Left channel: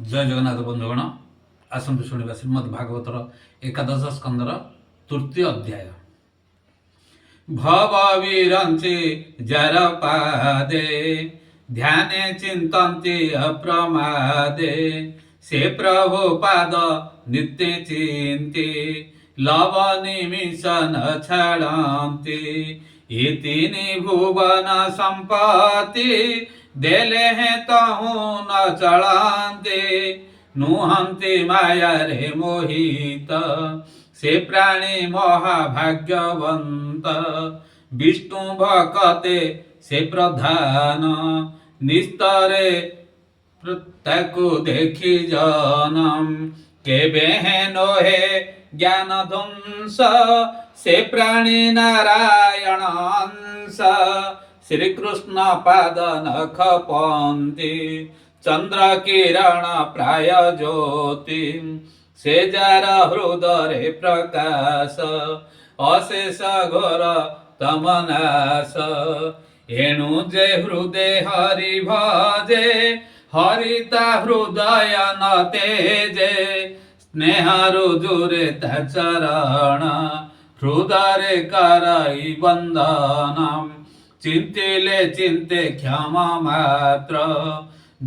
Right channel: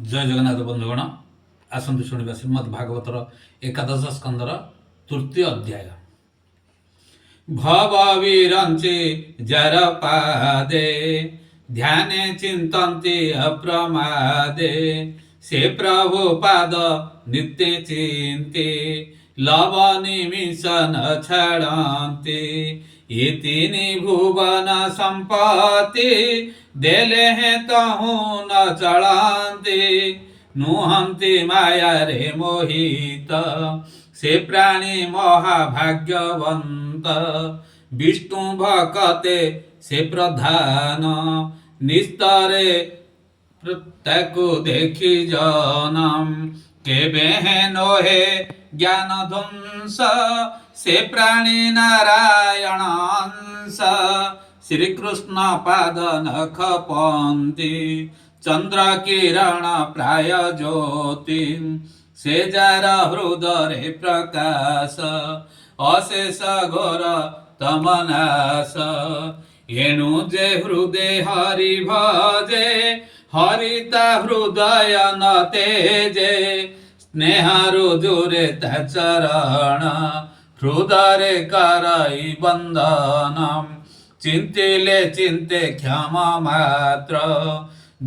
जय जगन्नाथ बंधुगण आसतु शुणा श्रीमद् भागवतर एकादश स्कंदर तृतीय अध्याय। भव विरंचि जर पादे ध्याने चिंतन्ति अप्रमादे से प्रभु पाद नित्य चिंते लव निमिष न छाड़न्ति ये तीन भुवन संपत्ति देले हैं तहु न चलान्ति नुहन्ति माया रे मोहित से प्राणी महाभाग्यवंत विष्णु भकते से प्रधान निस्तरे प्रत्येक देखी जनम केबे है नोहे ज्ञान ध्वंस से प्राणी नारायण अंश श्री कृष्ण पाद नख पंती चंद्र किरण प्राय ज्योति से जार हृदय प्रकाश अशेष घोर तमनाश एणु जे हृदय हरि भजे हरिता हृदय न तेजे स्नेह रुजुरे चरण हृदय करई बंदनम चिंतिले चिंते क्षमा मात्र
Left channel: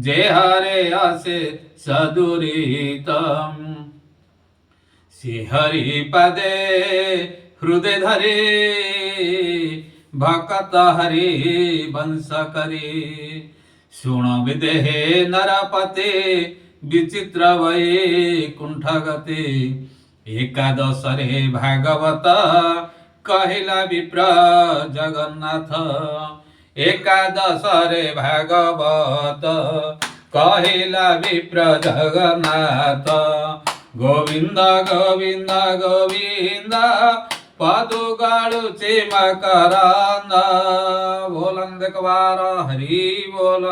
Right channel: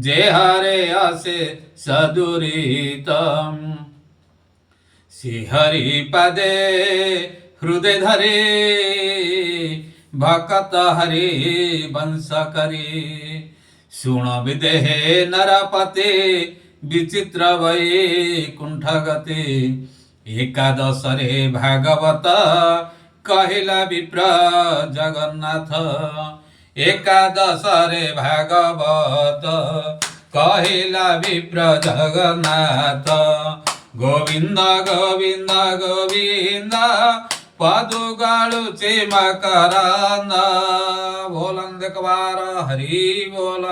जे हरे असे सदुरितम श्रीहरि पदे हृदय धरे भक्त हरि वंश करी सुण विदेहे नरपते विचित्र वैकुंठ गति एकादश रे भागवत कहिला विप्र जगन्नाथ एकादश रे भागवत कहिला विप्र जगन्नाथ गोविंद गोविंद गोविंद पदुगाळुचे मकरंद बोलन देखवार हरि बोल।